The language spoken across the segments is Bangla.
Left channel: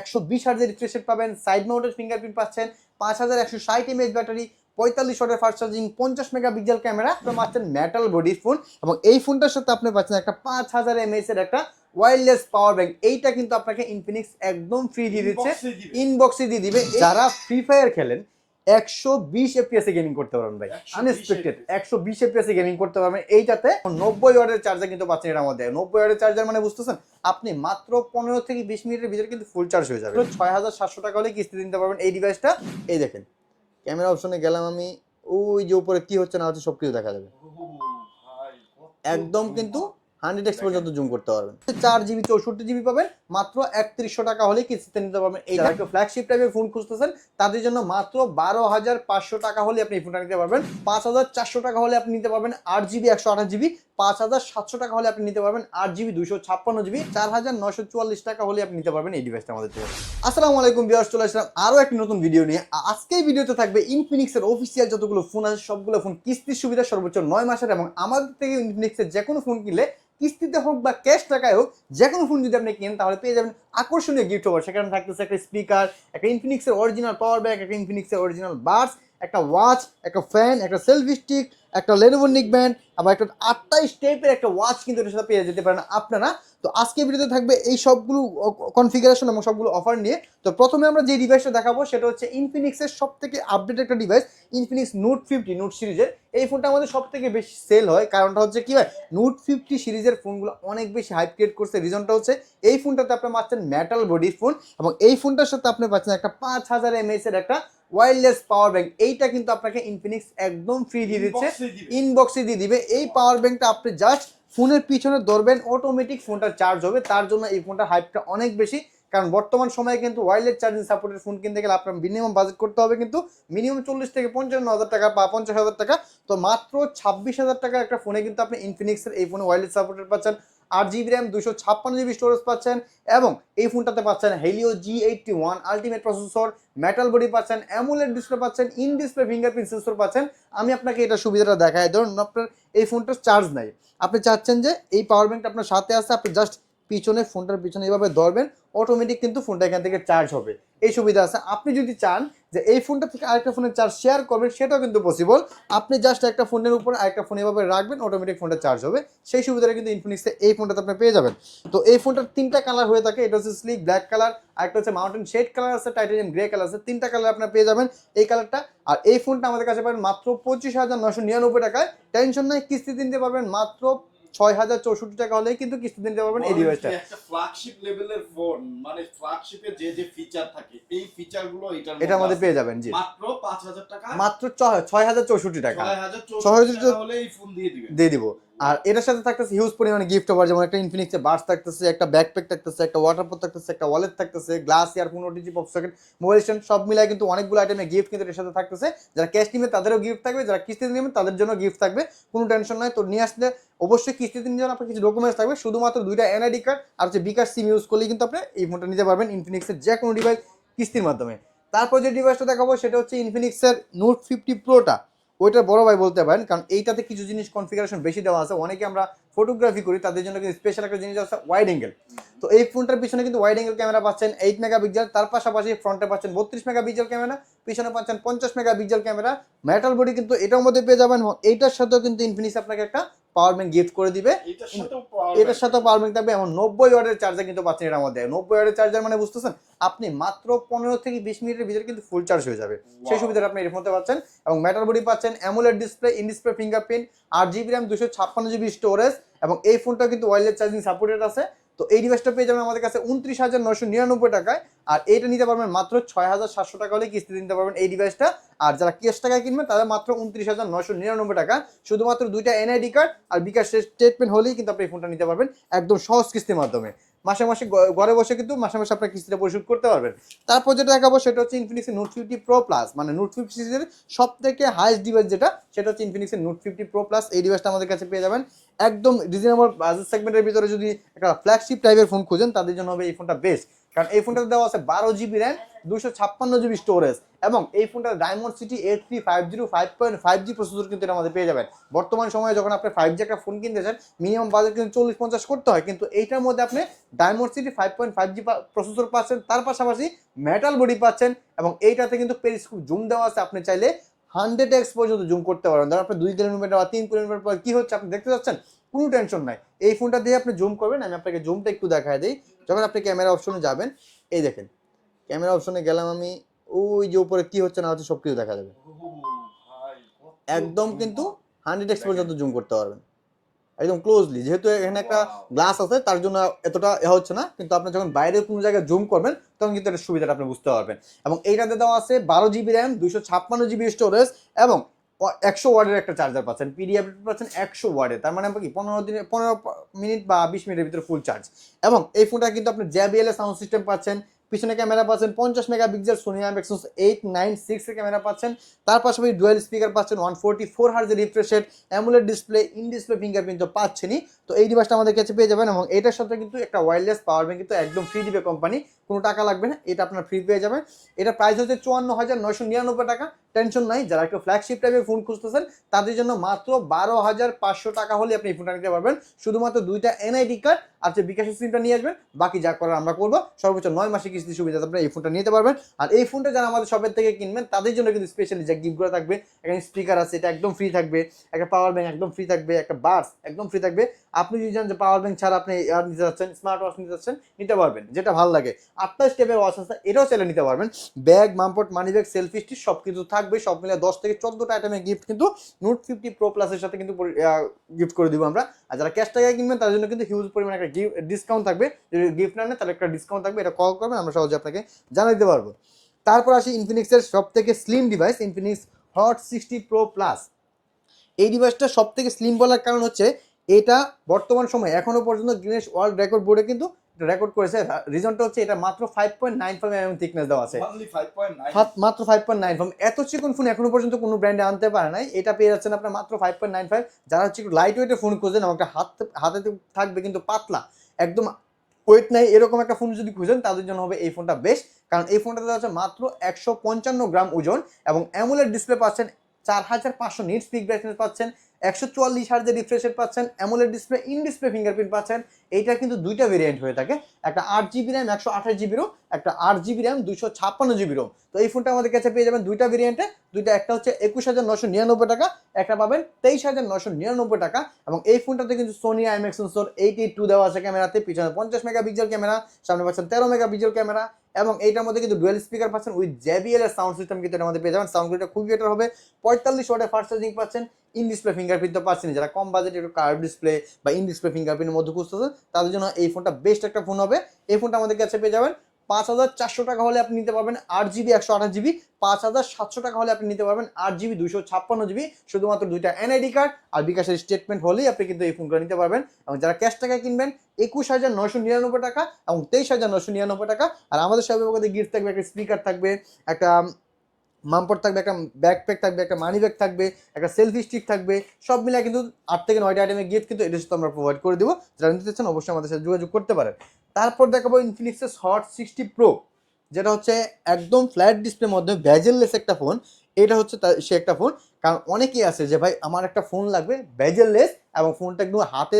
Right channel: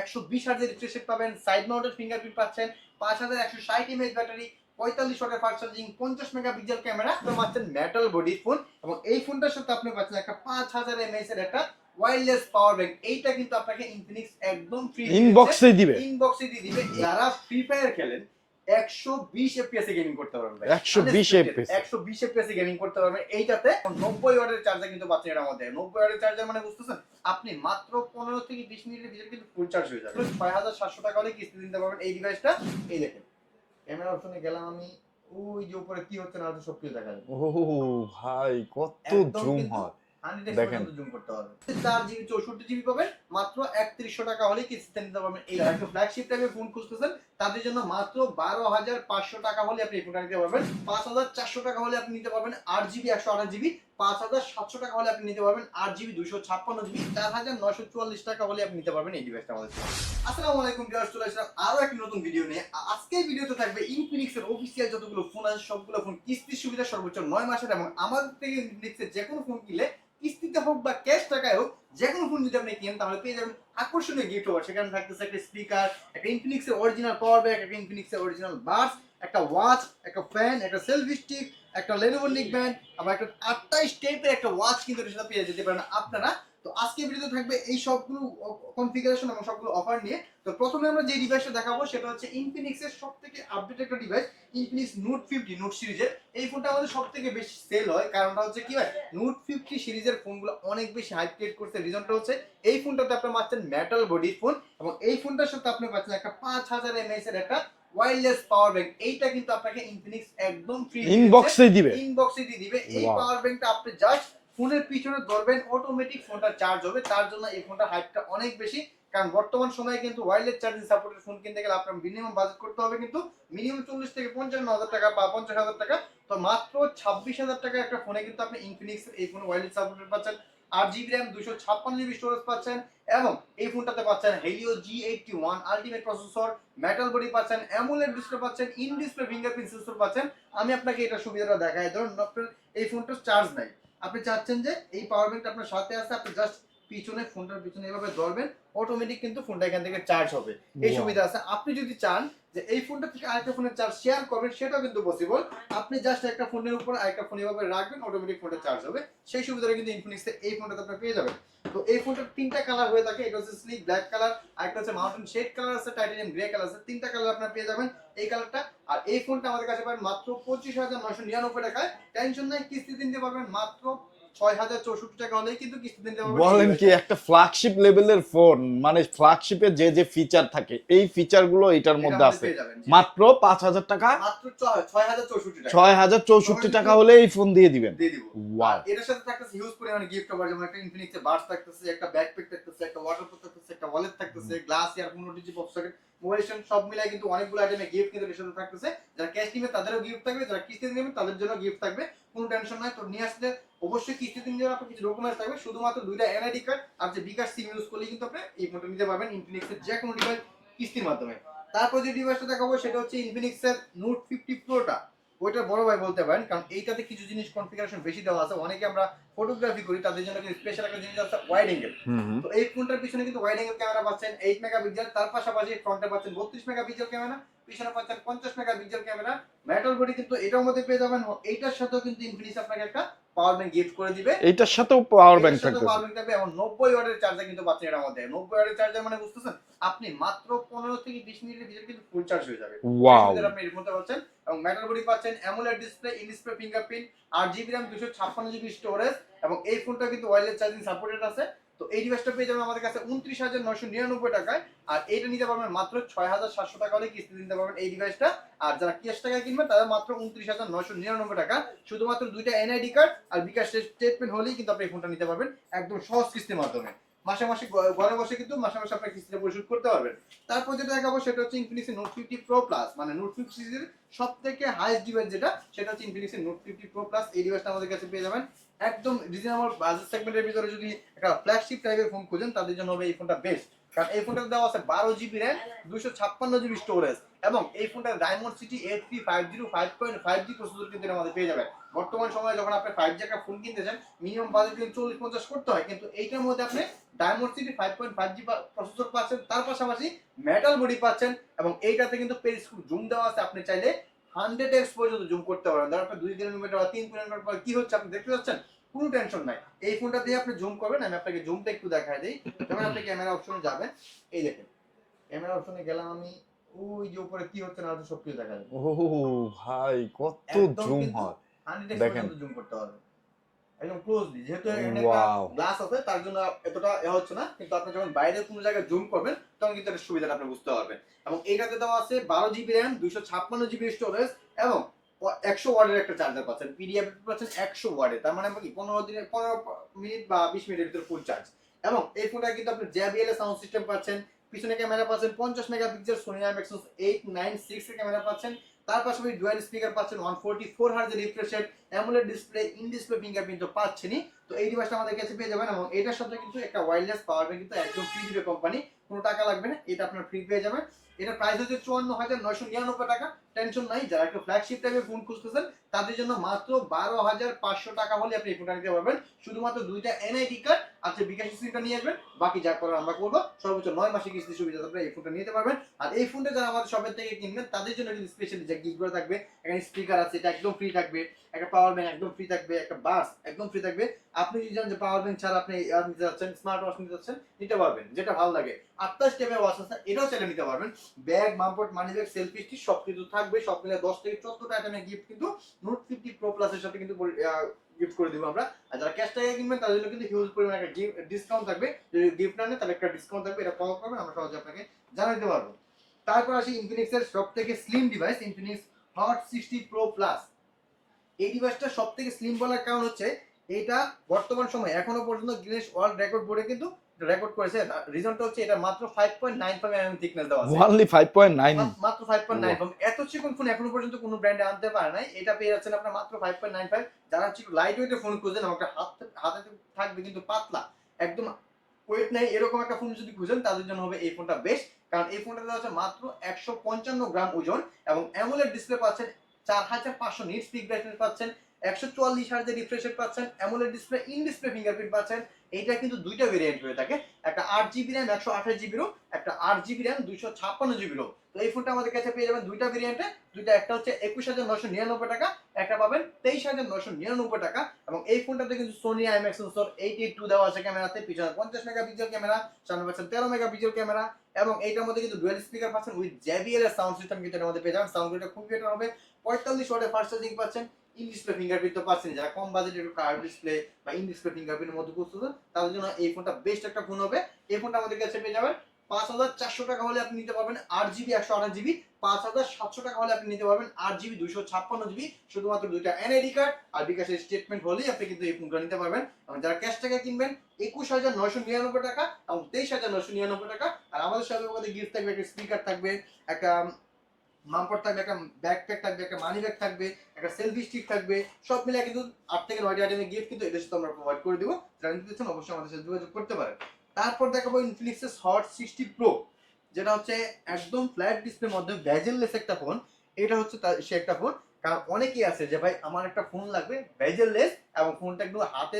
একশো বিশ হাজার রিফ্রেশ রেট পাবেন সাইড মাউন্টেড ফিঙ্গারপ্রিন্ট পাচ্ছেন পাঁচ হাজার একশো ষাট এমএচ ব্যাটারি পঁয়তাল্লিশ ওয়াটের ফাস্ট চার্জিং পঞ্চাশ মেগা পিক্সেল ক্যামেরা পাচ্ছেন মেটাল বডি ফোন এবং এই ফোনটার সাথে আপনি পাচ্ছেন একটা পাঁচ হাজার এমএস এর একটা ওয়্যারলেস পাওয়ার ব্যাংক এইটা কিন্তু আপনাকে ইনফিনিক্স একদম ফ্রি ইনবক্সে দিবে। ইনবক্সে দিয়ে দিবে। যারা ফ্রি ফায়ার খেলেন একশো বিশ এফপিএস এ গেমিং করতে পারবেন ভাই। 120 FPS একশো বিশ এফপিএস এ গেমিং করতে পারবেন। এইটাতে নব্বই ওয়াটের চার্জার কিন্তু পাচ্ছেন এটা আমাদের নব্বই ওয়াটের চার্জার মানে বুঝতেছেন? আপনি মাত্র পনেরো থেকে বিশ মিনিটের ভিতরে কিন্তু ফুল চার্জ হয়ে যাবে। ছয় হাজার সাতশো টাকা হলে কিস্তি দিতে পারবেন এই ডিভাইসটা এই দেখেন। ক্যামেরা অপশনে গেলাম আমি। ওই যে উপরে কি হচ্ছে না হচ্ছে সবকিছু দেখা যাবে। ও ভাই একদম কিন্তু। হান্ড্রেড এক্স পর্যন্ত জুম করতে পারবেন। চার জিবি চৌষট্টি জিবি পাবেন মাত্র একত্রিশশো টাকা হলে কিস্তিতে নিতে পারবেন। এই একটু ফ্ল্যাগশিপ টাইপের ফোন খুঁজতেছেন তাদের জন্য মাত্র বারো হাজার পাঁচশো টাকা হলে আপনি এই ফোনটা নিতে পারবেন। পাঁচ হাজার চারশো টাকা হলে আপনি নিতে পারবেন আট জিবি একশো আঠাশ জিবি পাঁচ হাজার সাতশো টাকা হলে আপনি নিতে পারবেন আট জিবি দুশো ছাপ্পান্ন জিবি, চার হাজার নশো চুয়াল্লিশ টাকা হলে আপনি নিতে পারবেন এই ডিভাইসটা আমাদের আসসালামু আলাইকুম বিয়ার্স চলে আসলাম আরও একটি নতুন ভিডিও নিয়ে। আ- আজকের ভিডিওতে থাকবে ইনফিনিক্সের অফিসিয়াল যতগুলো ফোন আছে, সবগুলো ফোন কিস্তির সুবিধা সর্বোচ্চ নয় মাসের এবং আমাদের থেকে ইনফিনিক্সের যে কোনো ফোন কিনলে কিস্তিতে হোক বা ক্যাশ টাকায় হোক যে কোনো ফোন যদি আপনি কেনেন, তাহলে পেয়ে যাবেন আকর্ষণীয় গিফট ওভার সেখানে থাকতেছে একটা স্পিকার একটা ইনফিনিক্সের অরিজিনাল পাওয়ার ব্যাংক একটা ইনফিনিক্সের অরিজিনাল বাস একটা ওয়াচ একটা ফ্যান একটা সেলফি স্টিক একটা লেনোভো নিক ব্যান্ড আবার একটা আটটাইশ টাইপের একটা ওয়াচ কিন্তু এটার সাথে পেয়ে যেতে পারেন আপনারা। তো আজকে ভিডিওতে থাকবে এই সবগুলো কনফিগারেশন এবং সবগুলো অফার নিয়ে। তো প্রথমে আমরা যে ডিভাইসটা দেখাবো সেটা হচ্ছে ইনফিনিক্সের সব থেকে আপডেট একটা device Infinix Note fifty Note সিরিজের। এই ফোনটা আমাদের সব থেকে বেশি সেল হয়। কারণটা হচ্ছে কি হয় নোট ফিফটি সিরিজের ফোনগুলো অনেক বেশি হাইপ ক্রিয়েট করছে। রিজনটা হচ্ছে এই ফোনটাতে আপনি পাচ্ছেন মেটাল বডি ফোন এবং এই ফোনটার সাথে আপনি পাচ্ছেন একটা পাঁচ হাজার এমএএস এর একটা ওয়্যারলেস পাওয়ার ব্যাংক এইটা কিন্তু আপনাকে ইনফিনিক্স একদম ফ্রি ইনবক্সে দিবে। ইনবক্সে দিয়ে দিবে। এই পাওয়ার ব্যাংকটা আপনি জাস্ট ফোনের পিছনে ধরবেন অটোমেটিক ফোনটার চার্জ হবে। তার জন্য এই ফোনটা হাইপটা অনেক বেশি। কারণ বর্তমান সময়ে কিন্তু ওয়াইল্ডলেস চার্জিং সাপোর্টের ফোন কিনতে গেলে আপনার মিনিমাম বাজেট করতে হবে কিন্তু মিনিমাম চল্লিশ থেকে পঞ্চান্ন হাজার টাকা বা পঞ্চাশ হাজার টাকা। তো মাত্র ছাব্বিশ হাজার টাকা একটা ফোনে কিন্তু আপনি ইনফিনিক্সের এই ফোনে ওয়াইল্ডলেস সাপোর্টের পাচ্ছেন। আট জিবি র্যাম দুশো ছাপ্পান্ন জিবি স্টোরেজ পাচ্ছেন এবং এই ফোনটাতে পাচ্ছেন Helio G eighty one ultimate processor metal body পাচ্ছেন অ্যামুলেট ডিসপ্লে পাচ্ছেন ইন ডিসপ্লে ফিঙ্গারপ্রিন্ট সেন্সর পাচ্ছেন। আমি আপনাকে এটা সুবিধাটা দেখাই। ধরুন, আপনার এই ফোনটার চার্জ নাই। আপনি চাচ্ছেন যে এই পাওয়ার ব্যাঙ্কটা আপনার সাথে আছে, আপনি জাস্ট পিছনে ফোনটার পিছনে এইভাবে ধরবেন অটোমেটিক কিন্তু ফোনটা এখান থেকে চার্জ হবে। এই সুবিধা আছে। আপনি যদি চান যে এই ফোনটা থেকে আরেকটা ফোনের চার্জ শেয়ার করবেন সেটাও কিন্তু পসিবল আপনি জাস্ট একটা ফোনের উপর আরেকটা ফোন এভাবে রাখবেন অটোমেটিক ফোনটা চার্জ হবে। সেই সুবিধাটা কিন্তু ইনফিনিক্সে এই ফোনটাতে আপনি পেয়ে যাবেন। তো এই ফোনটার তিনটা কালার হয়ে থাকে। এটা হচ্ছে স্লিক ব্ল্যাক কালার আরেকটা হচ্ছে মাউন্টেন শেড কালার আছে টাইটানিয়াম গ্রে কালার আছে। তিনটা কালার আপনার পেয়ে যাবেন এই কালারটা আর এই ফোনটা আমাদের কাছে পাবেন মাত্র পঁচিশ হাজার নশো নিরানব্বই টাকায়। টেনশন নাই কিস্তি দিতে পারবেন মাত্র ছয় হাজার চৌষট্টি টাকা হলেই কিন্তু কিস্তি দিতে পারবেন বলেন কি একটা ফ্ল্যাগশিপ লেভেলের ফোন মানে ফ্ল্যাগশিপের যে যে ফিচার থাকে এই ফিচারগুলো এটার এটার মধ্যে মধ্যে পেয়ে যাবেন মাত্র পাঁচ হাজার টাকা? মাত্র ছয়- ছয় হাজার চৌষট্টি টাকা। ছয় হাজার চৌষট্টি টাকা হলে এই ফোন দিয়ে দিবেন। দিয়ে দিব। আর এটার সাথে থাকতেছে হিউজ পরিমাণে গিফট ওভার যেমন একটা ইনফিনিক্সের বাস থাকতেছে একটা ব্যাকপ্যাক থাকতেছে একটা ওয়াটার প্রুফ থাকতেছে একটা ওয়ালেট থাকতেছে glass earphone OTG pop socket mobile stand সব মিলাই কিন্তু অনেকগুলো আইটেমের গিফট কিন্তু এর সাথে থাকতেছে। যারা ক্যাশ নিবে তাদেরও গিফট থাকবে যারা কিস্তিতে নেবেন তাদের জন্য গিফট থাকবে কোনো টেনশন নাই। তো নিয়ে আসলে অবশ্যই কিস্তিতে নিয়ে আপনার কিছু ডকুমেন্টস থাকবে। শুধুমাত্র দুইটা এনআইডি কার্ড আর হচ্ছে বিকাশ সিম ইউজ করলেই কিন্তু আপনি এই ফোনটা নিতে পারবেন ইনফিনিক্সের যে কোনো ডিভাইস কিস্তির মাধ্যমে। তারপর যে ডিভাইসটা দেখাবো সেটা হচ্ছে ইনফিনিক্সের নোট ফিফটি প্রোটা ওইটা বড় ভাই বলতে পারেন কারণ এইটাতে কিছু জিনিস কনফিগারেশন বেশি দেওয়া আছে। অনেকে আমরা ফটোগ্রাফি করি তাদের জন্য কিন্তু স্পেশাল একটা জিনিস আছে ওয়াইড অ্যাঙ্গেল তো এই ফোনটার পিছনে কিন্তু ওয়াইড অ্যাঙ্গেল ক্যামেরা পাচ্ছেন এইট মেগা পিক্সেল তার পাশাপাশি ফ্রন্টে পাচ্ছেন বত্রিশ মেগা পিক্সেল ক্যামেরা পিছনে পাচ্ছেন পঞ্চাশ mega pixel camera metal body কিন্তু এটার মধ্যে পেয়ে যাবেন। এইটার সাথেও কিন্তু ইনফিনিক্স আপনাকে একটা পাওয়ার ব্যাংক গিফট করে দিবে। এটার সাথেও পাওয়ার ব্যাংক পাওয়ার ব্যাংক থাকবে। নব্বই ওয়াটের চার্জার কিন্তু পাচ্ছেন এটা আমাদের নব্বই ওয়াটের চার্জার মানে বুঝতেছেন আপনি মাত্র পনেরো থেকে বিশ মিনিটের ভিতরে কিন্তু ফুল চার্জ হয়ে যাবে। সেই সুবিধাটা আপনি এর মধ্যে পাচ্ছেন এবং মেটাল বডি পাচ্ছেন AMOLED display in display fingerprint আট জিবি র্যাম দুশো ছাপ্পান্ন জিবি স্টোরেজ এবং এই ফোনটা কিন্তু ওয়াইলেস চার্জিং সাপোর্টেড আছে। তো এই ডিভাইসটা পেয়ে যাবেন আমাদের কাছে উনত্রিশ হাজার নয়শো নিরানব্বই টাকায়। আর এটা নিতে পারবেন মাত্র ছয় হাজার সাতশো টাকা হলে কিস্তি নিতে পারবেন এই ডিভাইসটা আর যারা ক্যাশ টাকায় কিনবেন, তাদের মাত্র উনত্রিশ হাজার নয়শো নিরানব্বই টাকা। শুধুমাত্র দুইটা এনআইডি কার্ড আর বিকাশ স্টেটমেন্ট হলেই কিন্তু আপনি এই ফোনটা নিতে পারবেন একদম সহজ কিস্তির মাধ্যমে। মাসে মাসে ঘরে বসে কিন্তু মাসে মাসে আপনার কিস্তিটা পরিশোধ করতে পারবেন। তারপর যেটা দেখাবো সেটা হচ্ছে ইনফিনিক্সের নোট ফিফটি প্রো প্লাস মানে নোট ফিফটি সিরিজের সব থেকে হাইস্ট ডিভাইস যেটা, সেটা হচ্ছে ইনফিনিক্সের নোট ফিফটি প্রো প্লাস এই ডিভাইসটা আমাদের কাছে পেয়ে যাবেন। একদম রিজনেবল বাজেট সেগমেন্টের ভিতরে যদি একটা ফ্ল্যাগশিপ টাইপের ফোন খুঁজেন, তাদের জন্য হবে এই ফোনটা বেস্ট কারণ এই ফোনটাতে দেওয়া আছে বারো জিবি র্যাম দুশো ছাপ্পান্ন জিবি স্টোরেজ এবং এই ফোনটা Dimensity eight three five zero five point five G processor কিন্তু আমাদের পেয়ে যাবেন। বর্তমান সময়ে যখন আপনি ফাইভ জি একটা ফোন কিনতে চান মিনিমাম বাজেট কিন্তু চল্লিশ পঞ্চাশ করতে হয়, কিন্তু এইটার মধ্যে আপনি Dimensity five point five G processor পাচ্ছেন, তার পাশাপাশি মেটাল বডি পাচ্ছেন এবং এইটাতে কিন্তু পেরিস্কোপ জুম দেওয়া আছে। আপনি চাইলে হান্ড্রেড এক্স পর্যন্ত জুম করতে পারেন। ধর আপনি দুই কিলোমিটার বা তিন কিলোমিটার পর কি হচ্ছে, আপনি দেখতে যাচ্ছেন কোনো টেনশন নাই। এই ফোনটা দিয়ে আপনি জুম করবেন আমি আপনাকে জুমটা একটু দেখায় দিই। যখন আপনি ক্যামেরা অপশনে যাবেন এই দেখেন ক্যামেরা অপশনে গেলাম আমি ওই যে উপরে কি হচ্ছে না হচ্ছে সব কিছু দেখা যাবে। ও ভাই কত একদম কিন্তু হান্ড্রেড এক্স পর্যন্ত জুম করতে পারবেন। একদম ক্লোজলি যেহেতু এখানে একটা গ্লাস আছে তার জন্য এতটা এ হচ্ছে না কিন্তু আপনি যখন বাইরে কোনো জায়গায় জুম করবেন তখন কিন্তু এটার সুবিধাটা আপনি বুঝতে পারবেন। এবং এইটাতে দেওয়া আছে বারো জিবি র্যাম দুইশো ছাপ্পান্ন জিবি স্টোরেজ এবং একশো ওয়ার্ডের একটা চার্জার পাচ্ছেন পিডিএফ পাচ্ছেন একশো ওয়ার্ডে তার মানে কি পনেরো দিনে পনেরো মিনিট বা বিশ মিনিটের ভিতরে ফুল চার্জ এবং এই ফোনটা কিন্তু আপনি জ্যাবিএলএ সাউন্ড সিস্টেম পাচ্ছেন পিছনে ক্যামেরা পাচ্ছেন পঞ্চাশ mega pixel Sony IMX eight nine six camera পাচ্ছেন। তার পাশাপাশি ডুয়েল স্পিকার পাচ্ছেন ওয়ান ফোরটি ফোর হার্জের রিফ্রেশের AMOLED display in display fingerprint তো পাচ্ছেনই। তো এই ডিভাইসটা আমাদের কাছে পেয়ে যাবেন এবং এটার সাথে কিন্তু একটা ওয়্যারলেস পাওয়ার ব্যাংক কিন্তু একদম ফ্রি দিবে কোম্পানি কোনো টাকা লাগবে না, এটা আপনার ফ্রি পেয়ে যাবেন। এটা প্রাইস হচ্ছে চুয়ান্ন হাজার নয়শো নিরানব্বই টাকা টেনশন নাই, যারা একটু ফ্ল্যাগশিপ টাইপের ফোন খুঁজতেছেন, তাদের জন্য মাত্র বারো হাজার পাঁচশো টাকা হলে আপনি এই ফোনটা নিতে পারবেন। শুধুমাত্র দুইটা এনআইডি কার্ড আর যে বিকাশের সিমটা নিয়ে আসবেন, বাকি যা করার আমরা করব, সর্বোচ্চ নয় মাসে কিস্তি সুবিধা আপনারা এই ফোনটা নিতে পারবেন। আর এই ফোনটা যারা আমাদের শপের থেকে কিনবেন, তাদের জন্য কিন্তু স্পেশালি যে গিফটগুলো থাকবে, এখানে স্পিকার আছে, এটা একদম ফ্রি থাকবে, একটা পাওয়ার ব্যাংক একদম ফ্রি থাকবে, একটা বাস একদম ফ্রি থাকবে। আপনি যদি জানেন যে পাওয়ার ব্যাংক ছাড়া আপনি এয়ার নিতে যাচ্ছেন স্মার্ট ওয়াচ নিতে যাচ্ছেন নিতে পারবেন, যেটা ভালো লাগে। আপনার স্টেপের ওয়াচ আছে, এটাও চাইলে নিতে পারবেন। ব্যাগ মামপট মানি ব্যাগ সেলফি স্টিক সব কিছু থাকবে, সব মিলে দশ থেকে চোদ্দটা আইটেমের গিফট কিন্তু নোট ফিফটি প্রো প্লাসের সাথে কিন্তু গিফট করে দিব আমরা। আর যারা ক্যাশ টাকা কিনবেন তার জন্য কিন্তু হিউজ পরিমাণে একটা গিফট ডিসকাউন্ট থাকবে। যদি গিফট না নেন, তাহলে একটা ডিসকাউন্ট থাকবে, এটা কল করবেন আমরা সহজে আপনাকে জানিয়ে দিতে পারব। তারপর আসি ইনফিনিক্সের সব থেকে slim device Infinix Hot sixty pro plus এই ডিভাইসটা সব থেকে স্লিম বলার কারণ হচ্ছে এটা বর্তমান সময়ে এখনও পর্যন্ত গিনেস ওয়ার্ল্ড রেকর্ড বোর্ডে কিন্তু রেকর্ড করেছে। রিজনটা হচ্ছে এটা মাত্র five point nine five M thickness দেওয়া আছে। Only 5.9 মাত- মাত্র ফাইভ পয়েন্ট নাইন ফাইভ এত চিকন ফোন এখনও পর্যন্ত কোনো ব্র্যান্ডে আনতে পারে নাই। এটা পেয়ে যাচ্ছেন আপনার মাত্র ফাইভ পয়েন্ট নাইন ফাইভ যারা হচ্ছে লাইট ওয়েটের ফোন এবং একটা হাত হাতে থাকবে কিন্তু পাতলা। একদম ওয়েট নাই, এরকম একটা ফোন যদি খুঁজেন, তাদের জন্য হবে এই ফোনটা বেশ। কারণ এই ফোনটাতে আছে মাত্র একশো পঞ্চান্ন গ্রাম ওজন এবং অ্যামুলেট ডিসপ্লে পাচ্ছেন, চার হাজার পাঁচশো নিট স্পিক ব্রাইটনেস পাচ্ছেন একশো চুয়াল্লিশ হার্জের রিফ্রেশের পাচ্ছেন AMOLED display in display fingerprint পাচ্ছেন। এইটা কিন্তু দুইটা ভেরিয়েন্ট হয়ে থাকে। একটা আট জিবি র্যাম একশো আঠাশ জিবি রোম একটা আট জিবি র্যাম দুশো ছাপ্পান্ন জিবি তো এই ফোনটা আমাদের কাছে পেয়ে যাবেন দুইটা ভেরিয়েন্টে দুইটা একটা হচ্ছে একুশ হাজার নশো নিরানব্বই টাকা, একটা পাবেন তেইশ হাজার নশো নিরানব্বই টাকা। এবং এই ফোনটাতে কিন্তু Sony IMX sensor eight two দেওয়া আছে ক্যামেরাতে। পিছনে পঞ্চাশ মেগা পিক্সেল ক্যামেরা, সামনে পাচ্ছেন তেরো মেগা পিক্সেল ক্যামেরা। এবং এইটার মধ্যে কিন্তু ডুয়েল স্পিকার পাচ্ছেন উইথ জেবিএল এর সাউন্ড সিস্টেম কিন্তু এটার মধ্যে পেয়ে যাবেন। সাউন্ড কোয়ালিটি খুবই বেটার হবে। পঁয়তাল্লিশ ওয়াটের ফার্স্ট চার্জিং পাচ্ছেন। ইন ডিসপ্লে ফিঙ্গারপ্রিন্ট তো পাচ্ছেন যারা কম বাজেটে একটু কার্ভ ডিসপ্লে বা ইন ডিসপ্লে ফিঙ্গারপ্রিন্টের মধ্যে খুঁজতেছে, তাদের জন্য এই ফোনটা বেস্ট একটা ফোন হবে। এই ফোনটা আমাদের কাছে পেয়ে যাবেন পাঁচ হাজার চারশো টাকা হলে আপনি নিতে পারবেন আট জিবি, একশো আঠাশ জিবি, পাঁচ হাজার সাতশো টাকা হলে আপনি নিতে পারবেন আট জিবি দুশো ছাপ্পান্ন জিবি, শুধুমাত্র দুইটা এনআইডি কার্ড আর বিকাশের স্টেটমেন্ট হলেই আপনি কিন্তু এই ফোনটা নিতে পারবেন। এবং যারা ক্যাশ টাকা কিনবেন, একুশ হাজার নশো নিরানব্বই টাকা এবং তেইশ হাজার নশো নিরানব্বই টাকা। আর আমাদের মধ্যে গিফট থাকবে, একটা স্পিকার থাকবে, একটা মামপট থাকবে, একটা ব্যাকপ্যাক থাকবে, একটা মানি ব্যাগ থাকবে, একটা সেলফি স্টিক থাকবে। সব মিলে কিন্তু আট থেকে নয়টা আইটেমের গিফট কিন্তু সাথে আমরা প্রোভাইড করে দেবো। যারা নিতে চাচ্ছেন, অবশ্যই আমাদের সাথে যোগাযোগ করতে পারেন। তারপর দেখাবো ইনফিনিক্সের হট সিক্সটি প্রো যেটা হচ্ছে একদম ফ্ল্যাট ডিসপ্লের মধ্যে ব্যাজেললেস একটা ফোন এটা হচ্ছে সে একটা ফোন কারণ অনেকেই আছে যে, ভাই, আমার একটা ফোন লাগবে ব্যাজেললেস এবং ফোনটা একদম হাতে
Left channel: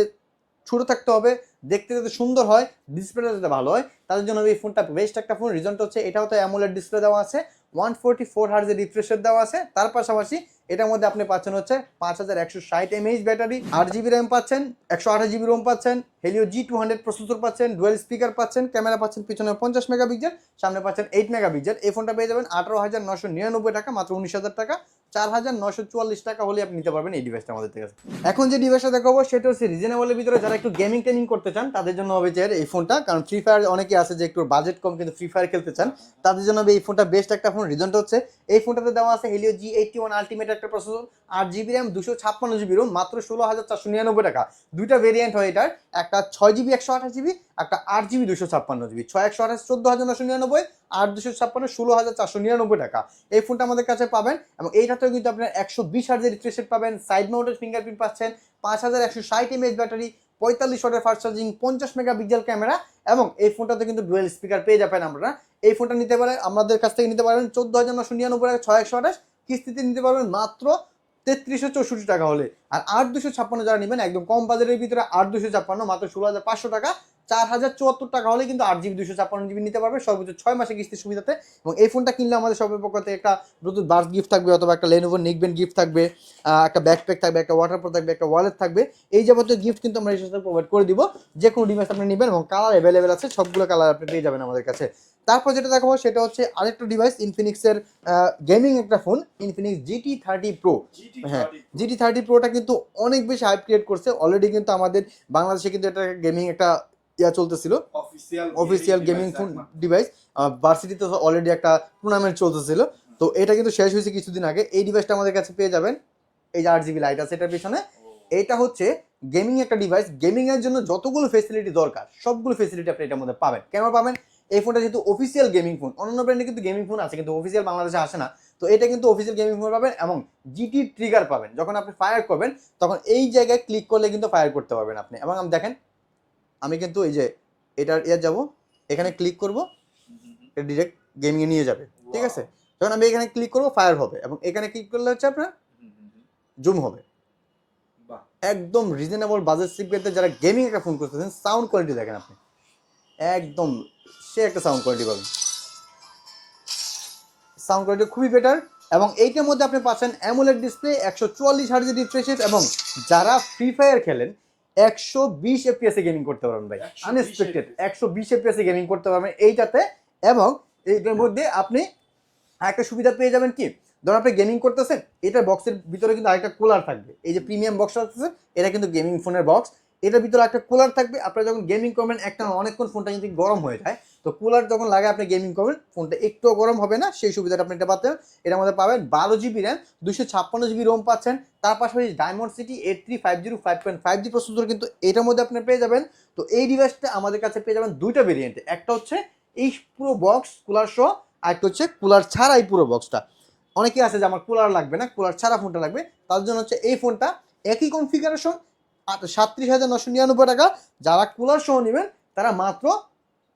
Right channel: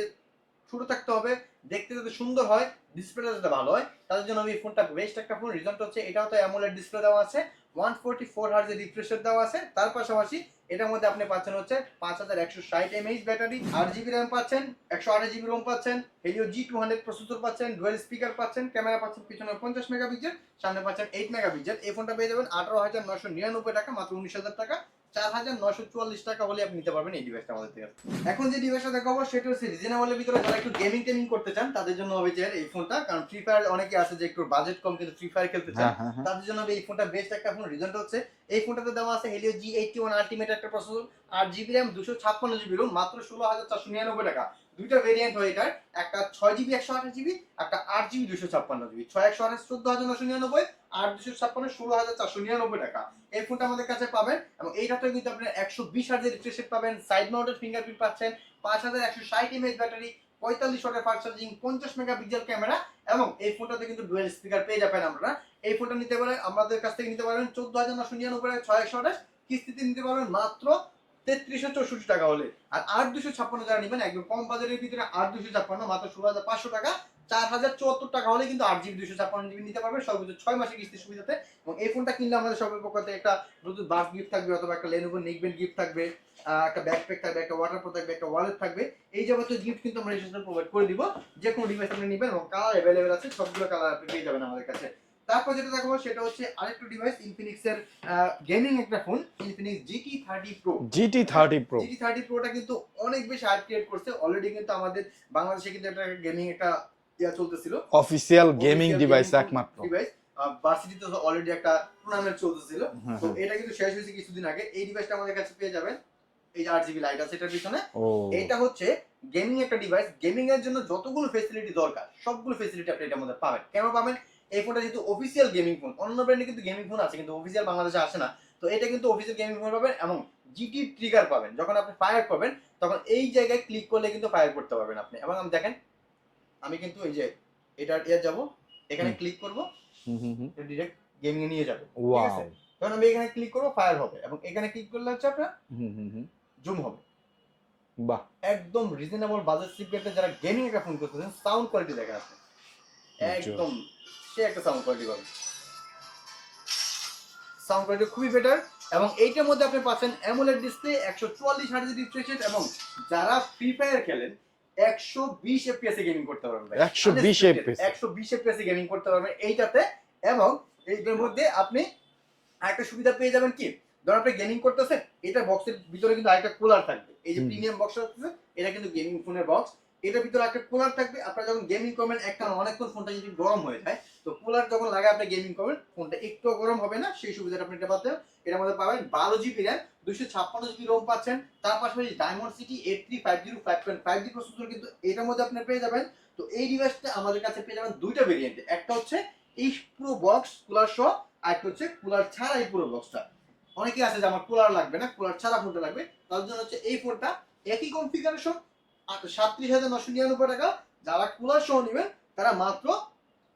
ছোট থাকতে হবে, দেখতে যাতে সুন্দর হয় ডিসপ্লেটা যাতে ভালো হয়। তাদের জন্য এই ফোনটা বেস্ট একটা ফোন রিজনটা হচ্ছে এটাও তো অ্যামোলেড ডিসপ্লে দেওয়া আছে। ওয়ান ফোরটি ফোর হার্জের রিফ্রেশার দেওয়া আছে। তার পাশাপাশি এটার মধ্যে আপনি পাচ্ছেন হচ্ছে পাঁচ হাজার একশো ষাট এমএইচ ব্যাটারি আট জিবি র্যাম পাচ্ছেন, একশো আঠাশ জিবি রোম পাচ্ছেন Helio G two hundred processor পাচ্ছেন ডুয়েল স্পিকার পাচ্ছেন ক্যামেরা পাচ্ছেন, পিছনে পঞ্চাশ মেগা পিক্সেল সামনে পাচ্ছেন এইট মেগা পিক্সেল এই ফোনটা পেয়ে যাবেন আঠারো হাজার নশো নিরানব্বই টাকা, মাত্র উনিশ হাজার টাকা। চার হাজার নশো চুয়াল্লিশ টাকা হলে আপনি নিতে পারবেন এই ডিভাইসটা আমাদের থেকে। এখন যে ডিভাইসটা দেখাবো সেটা হচ্ছে রিজনেবলের ভিতরে যারা একটু গেমিং টেমিং করতে চান তাদের জন্য হবে যে এই ফোনটা কারণ ফ্রি ফায়ার অনেকে আছে যে একটু বাজেট কম কিন্তু ফ্রি ফায়ার খেলতে চান হ্যাঁ, হ্যাঁ, হ্যাঁ। তাদের জন্য এই ফোনটা বেস্ট একটা ফোন রিজনটা হচ্ছে এই ফোনটাতে দেওয়া আছে Helio G eighty one ultimate একটা প্রসেসর আট জিবি র্যাম দুশো ছাপ্পান্ন জিবি রোম মাত্র ষোলো হাজার চারশো নিরানব্বই টাকা। দুইটা ভেরিয়েন্ট হয় এটার একটা ছয় জিবি একশো আঠাশ জিবি একটা আট জিবি দুশো ছাপ্পান্ন জিবি ছয় একশো আঠাশ চোদ্দ হাজার নশো নিরানব্বই আট দুশো ছাপ্পান্ন ষোলো হাজার চারশো নিরানব্বই টাকা। এই ফোনটা আমাদের কাছে পাবেন এবং এইটাতেও কিন্তু আপনার একশো বিশ হাজার রিফ্রেশ পাবেন। সাইড মাউন্টেড ফিঙ্গারপ্রিন্ট পাচ্ছেন। পাঁচ হাজার একশো ষাট এমএচ ব্যাটারি, পঁয়তাল্লিশ ওয়াটের ফাস্ট চার্জিং পঞ্চাশ মেগা পিক্সেল ক্যামেরা এবং এই ফোনটাতে কিন্তু ডুয়েল স্পিকার পেয়ে যাবেন আমরা এই ফোনটা নিতে পারেন আমাদের কাছ থেকে নিতে পারবেন চোদ্দ হাজার নশো নিরানব্বই টাকা ছয় একশো আঠাশ কিস্তিতে নিতে পারবেন মাত্র তেত্রিশশো চৌষট্টি টাকা হলে। আর আট দুশো ছাপ্পান্ন যারা নেবেন, একদম কম বাজারের ভিতরে আট দুশো ছাপ্পান্ন, মাত্র ষোলো হাজার পাঁচশো টাকা। চার হাজার চুয়াত্তর টাকা হলে কিন্তু আট জিবি দুশো ছাপ্পান্ন জিবি নিতে পারবে। সর্বোচ্চ ছয় মাসে কিস্তির সুবিধাতে। এবং এই ফোনটা কিনলে আমাদের সবের পক্ষ থেকে একটা ব্লুটুথ বার্ড গিফট থাকবে অথবা একটা লেনোভো নিকবেন গিফট থাকবে একটা ব্যাকপ্যাক থাকবে একটা ওয়াটার প্রো থাকবে একটা ওয়ালেট থাকবে। এই যাবতীয় গিফট কিন্তু আমরা রেজিস্ট্রেশন প্রোভাইড করে দিব। যে কোনো ডিভাইস আপনি নেবেন এবং কালার অ্যাভেলেবেল আছে সবগুলো কালার আপনি পেয়ে যাবেন আমাদের কাছে। তারপর যেটা দেখাবো সেটা হচ্ছে আরেকটা ডিভাইস ইনফিনিক্সের গেমিং একটা phone Infinix GT thirty pro GT thirty pro GT thirty প্রোটা কিন্তু অনেক বেশি হাইপ ক্রিয়েট করছে। অলরেডি কিন্তু আমাদের বাংলাদেশে কিন্তু এটা গেমিং একটা ইয়া চলতেছিল। অফিসিয়াল গেমিং ডিভাইস একমাত্র। ডিভাইস ভার্সিটিতে অলরেডি একটা টুর্নামেন্ট চলতেছিল। তো এটা কিন্তু শেষ হয়েছে কিছুদিন আগে। এই ডিভাইসটা আমাদের কাছে পেয়ে যাবেন। এই যে আট জিবি লাইট আছে এটার পিছনে। এটা হচ্ছে গেমিং একটা ডিভাইস গেমিং এর জন্য যতগুলো ফেসিলিটি দরকার সবগুলো ফেসিলিটি আপনি এটার মধ্যে পাবেন। কেন পাবেন? এই ফোনটা যেহেতু অফিসিয়াল গেমিং ফোন অন্যান্য ব্র্যান্ডে কিন্তু গেমিং ফোন আছে কিন্তু অফিসিয়াল বাংলাদেশে আসে না। তো এটা কিন্তু অফিসিয়াল গেমিং ফোন পাবেন এবং জিটি ট্রিগার পাবেন। যখন আপনি ফায়ার করবেন তখন এই জায়গায় ক্লিক করলে কিন্তু ফায়ার করতে পারবেন আপনি। এবং আমি দেখেন আমি কিন্তু এই যে এটার ইয়ার যাব এখানে ক্লিক করব হুম, হুম, হুম। ডিরেক্ট গেমিং এ নিয়ে যাবে ঠিক আছে. যখন আমি এখানে ক্লিক করব ফায়ার হবে এবং এখানে ক্লিক করলে হচ্ছে আপনার হুম, হুম, হুম। জুম হবে। বাহ। একদম রিজনেবল বাজেট সিগমেন্টে যারা গেমিং একটা ফোন করতেছেন সাউন্ড কোয়ালিটি দেখেন আপনি। একদম সে একটা সাউন্ড কোয়ালিটি পাবেন সাউন্ড কোয়ালিটি খুবই বেটার এবং এইটার মধ্যে আপনি পাচ্ছেন অ্যামোলেড ডিসপ্লে একশো চুয়াল্লিশ হার্জের রিফ্রেশ এবং যারা ফ্রি ফায়ার খেলেন একশো বিশ এফপিএস এ গেমিং করতে পারবেন ভাই। একশো বিশ একশো বিশ এফপিএস এ গেমিং করতে পারবেন এইটাতে এবং এইটার মধ্যে আপনি একটা সুবিধা পেয়ে যাবেন কি? ধরুন আপনি গেমিং করতেছেন এটা বক্সের ভিতরে কিন্তু আরেকটা কুলার থাকবে। এই যে প্রিমিয়াম বক্স আছে এটা কিন্তু গেমিং ফোনের বক্স এটার ভিতরে একটা কুলার থাকবে। আপনারা যখন গেমিং করবেন, একটা অনেকক্ষণ ফোনটা যদি গরম হয়ে যায়, তো কুলার যখন লাগে আপনি গেমিং করবেন ফোনটা একটুও গরম হবে না, সেই সুবিধাটা আপনি এটা পাচ্ছেন এটার মধ্যে পাবেন বারো জিবি র্যাম দুশো ছাপ্পান্ন জিবি রোম পাচ্ছেন। তার পাশাপাশি Dimensity eight three five zero five point five G processor কিন্তু এটার মধ্যে আপনি পেয়ে যাবেন। তো এই ডিভাইসটা আমাদের কাছে পেয়ে যাবেন দুইটা ভেরিয়েন্টে একটা হচ্ছে এই পুরো বক্স কুলার সহ, আর একটা হচ্ছে কুলার ছাড়া এই পুরো বক্সটা অনেকে আছে যে আমার কুলার লাগবে না কুলার ছাড়া ফোনটা লাগবে। তার জন্য হচ্ছে এই ফোনটা একই কনফিগারেশন সাতত্রিশ হাজার নশো নিরানব্বই টাকা। যারা কুলার সহ নেবেন, তারা মাত্র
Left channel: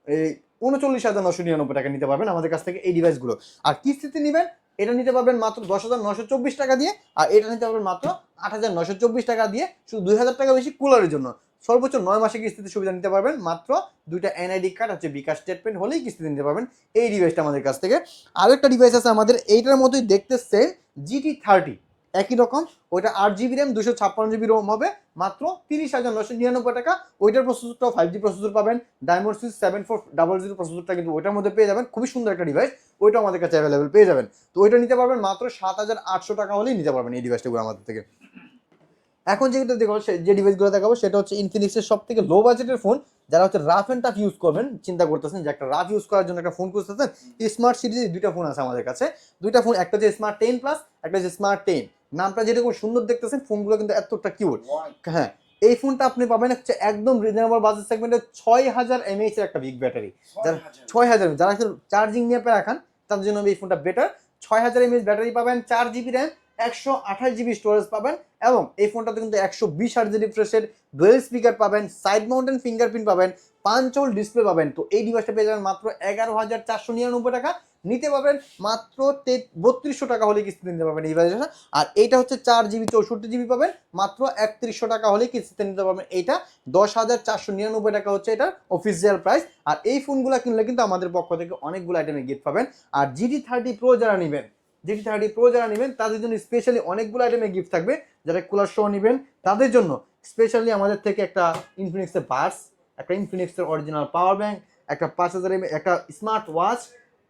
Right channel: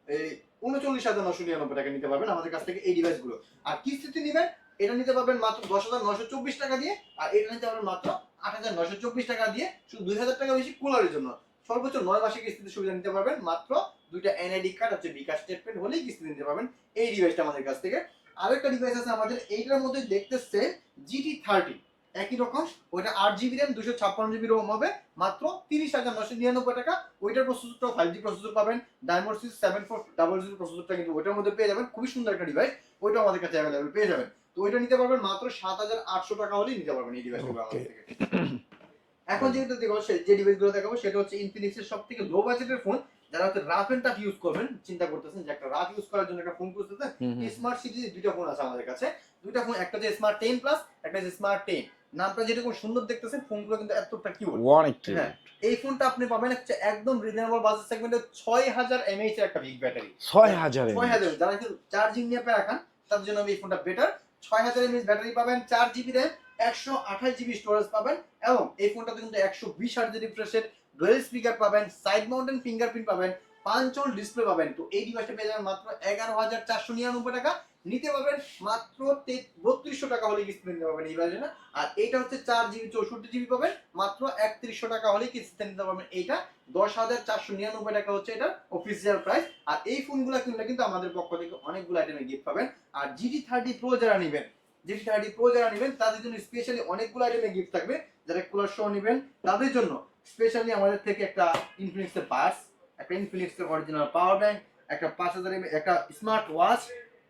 এই উনচল্লিশ হাজার নশো নিরানব্বই টাকা নিতে পারবেন আমাদের কাছ থেকে এই ডিভাইসগুলো। আর কিস্তিতে নেবেন, এটা নিতে পারবেন মাত্র দশ হাজার নশো চব্বিশ টাকা দিয়ে, আর এটা নিতে পারবেন মাত্র আট হাজার নশো চব্বিশ টাকা দিয়ে, শুধু দুই হাজার টাকা বেশি কুলারের জন্য। সর্বোচ্চ নয় মাসে কিস্তিতে সুবিধা নিতে পারবেন, মাত্র দুইটা এনআইডি কার্ড হচ্ছে বিকাশ স্টেটমেন্ট হলেই কিস্তিতে নিতে পারবেন এই ডিভাইসটা আমাদের কাছ থেকে। আরেকটা ডিভাইস আছে আমাদের, এইটার মতোই দেখতে সেম জিটি থার্টি। একই রকম ওইটা আট জিবি র্যাম দুশো ছাপ্পান্ন জিবি রোম হবে মাত্র তিরিশ হাজার নশো নিরানব্বই টাকা। ওইটার প্রসেসরটাও ফাইভ জি প্রসেসর পাবেন Dimensity six seven four double zero প্রসেসরটা কিন্তু ওইটার মধ্যে পেয়ে যাবেন খুবই সুন্দর একটা ডিভাইস ওইটা আমাদের কাছে অ্যাভেলেবেল পেয়ে যাবেন। তো ওইটা নিতে পারবেন মাত্র সাত হাজার আটশো টাকা হলেই নিতে পারবেন এই ডিভাইসটাগুলো আমাদের থেকে। এখন যেটা দেখো যে ডিভাইসগুলো দেখাবো সেটা হচ্ছে ইনফিনিক্সের সব থেকে লো বাজেটের ফোন যারা হচ্ছে রাফ অ্যান্ড টাফ ইউজ করবেন চিন্তা করতেছেন যে একটা রাফ ইউজ করার জন্য একটা ফোন খুঁজতেছেন। স্মার্ট সিরিজে দুইটা ফোন আছে আমাদের কাছে। দুইটা ফোন একটা হচ্ছে স্মার্ট টেন প্লাস একটা হচ্ছে স্মার্ট টেন নামটা যেরকম সুন্দর দেখতেছেন ফোনগুলো কিন্তু এতটা কিউট অনেক হ্যাঁ এই ফোনটা আপনি পাবেন হচ্ছে একদম রিজনেবল বাজেট সেগমেন্টে ছয় হাজার এমএএইচ এর একটা বিগ ব্যাটারি ছয় হাজার ছয় হাজার যারা চার্জিং নিয়ে রাখান তার জন্য এই ফোনটা বেটার ছয় হাজার এমএএইচ ব্যাটারি পাবেন চার জিবি র্যাম একশো আঠাশ জিবি স্টোরেজ পাবেন এবং এই ফোনটাতে কিন্তু একশো বিশ হার্জ রিফ্রেশের ডুয়েল স্পিকার পাবেন সাইড মাউন্টেন ফিঙ্গারপ্রিন্ট পাবেন। পাঁচল ডিসপ্লে পাবেন। তো এই ডিভাইসটা পেয়ে যাবেন মাত্র এগারো হাজার চারশো নিরানব্বই টাকা। নিতে পারবেন মাত্র বত্রিশশো টাকা হলে কিস্তিতে নিতে পারবেন এই ডিভাইসটা আর এইটা হচ্ছে চার জিবি চৌষট্টি জিবি পাবেন। মাত্র একত্রিশশো টাকা হলে কিস্তিতে নিতে পারবেন এইটা। দশ হাজার চারশো নিরানব্বই টাকা হচ্ছে এটা অফিসিয়াল প্রাইস আর এই ফোনগুলো কিনলে কিন্তু আমাদের পক্ষ থেকে অনেকগুলো আইটেমে গিফট পাবেন। আর জিটি থার্টি প্রো যারা নেবেন জিটি থার্টি প্রো যারা নেবেন, তাদের জন্য স্পেশালি অনেকগুলো আইটেমে গিফট থাকবে। যারা কুলার শো নেবেন, তাদের জন্য স্পেশালি আমাদের থেকে একটা ইনফিনিক্সের বাস একটা ইনফিনিক্সের অরিজিনাল পাওয়ার ব্যাঙ্ক একটা পাঁচ হাজার একটা স্মার্ট ওয়াচ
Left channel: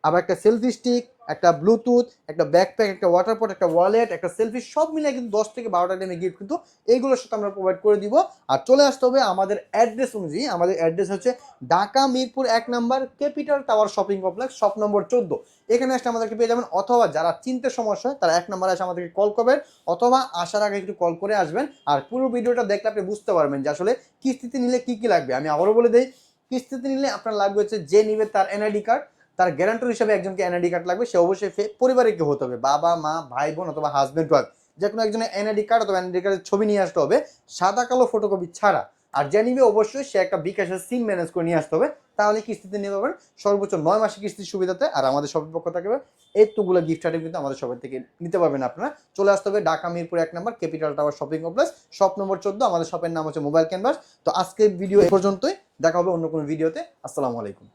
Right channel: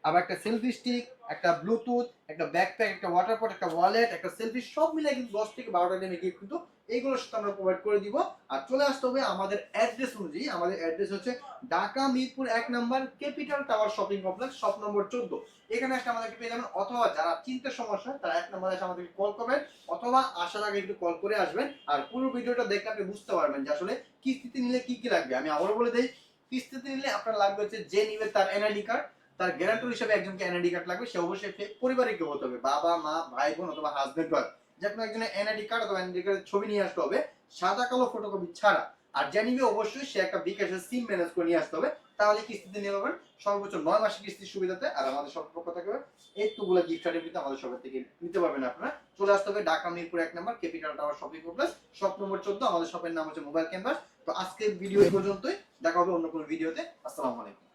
আবার একটা সেলফি স্টিক একটা ব্লুটুথ একটা ব্যাকপ্যাক একটা ওয়াটার পট একটা ওয়ালেট একটা সেলফি সব মিলিয়ে কিন্তু দশ থেকে বারোটা টাইমে গিফট কিন্তু এইগুলোর সাথে আমরা প্রোভাইড করে দিব। আর চলে আসতে হবে আমাদের অ্যাড্রেস অনুযায়ী। আমাদের অ্যাড্রেস হচ্ছে ঢাকা মিরপুর এক number capital tower shopping complex shop number চোদ্দ। এখানে আসলে আমাদেরকে পেয়ে যাবেন অথবা যারা চিনতে সমস্যা হয়, তারা এক নাম্বারে এসে আমাদেরকে কল করবেন, অথবা আসার আগে একটু কল করে আসবেন। আর পুরো ভিডিওটা দেখলে আপনি বুঝতে পারবেন যে আসলে কিস্তিতে নিলে কি কি লাগবে। আমি আবারও বলে দিই, কিস্তিতে নিলে আপনার লাগবে হচ্ছে যে নিবে তার এনআইডি কার্ড তার গ্যারান্টর হিসেবে একজনকে এনআইডি কার্ড লাগবে, সে অবশ্যই পরিবারের কেউ হতে হবে। বাবা, মা ভাই বোন অথবা হাজবেন্ড ওয়াইফ যে কোনো একজনের এনআইডি কার্ড অথবা এনআইডি কার্ডের ছবি নিয়ে আসতে হবে, সাদা, কালো ফটোকপি ছাড়া। আর যে নিবে অবশ্যই সে একটা বিকাশের সিম ম্যানেজ করে নিয়ে আসতে হবে। তাহলে কিস্তিতে নিয়ে পাবেন সর্বোচ্চ নয় মাসে কিস্তির সুবিধাতে আর আমাদের সবার পক্ষ থাকবে এতগুলো গিফট আইটেম কিন্তু আমাদের সবার থেকে নিতে পারবেন আপনারা। চলে আসতে হবে ঢাকা মিরপুর এক number capital tower shopping complex shop number চোদ্দ। আমাদের শপের নাম হচ্ছে মোবাইল ক্যানভাস তো আজকের ভিডিও এ পর্যন্তই। দেখা হবে অন্য কোনো ভিডিওতে আসসালামু আলাইকুম।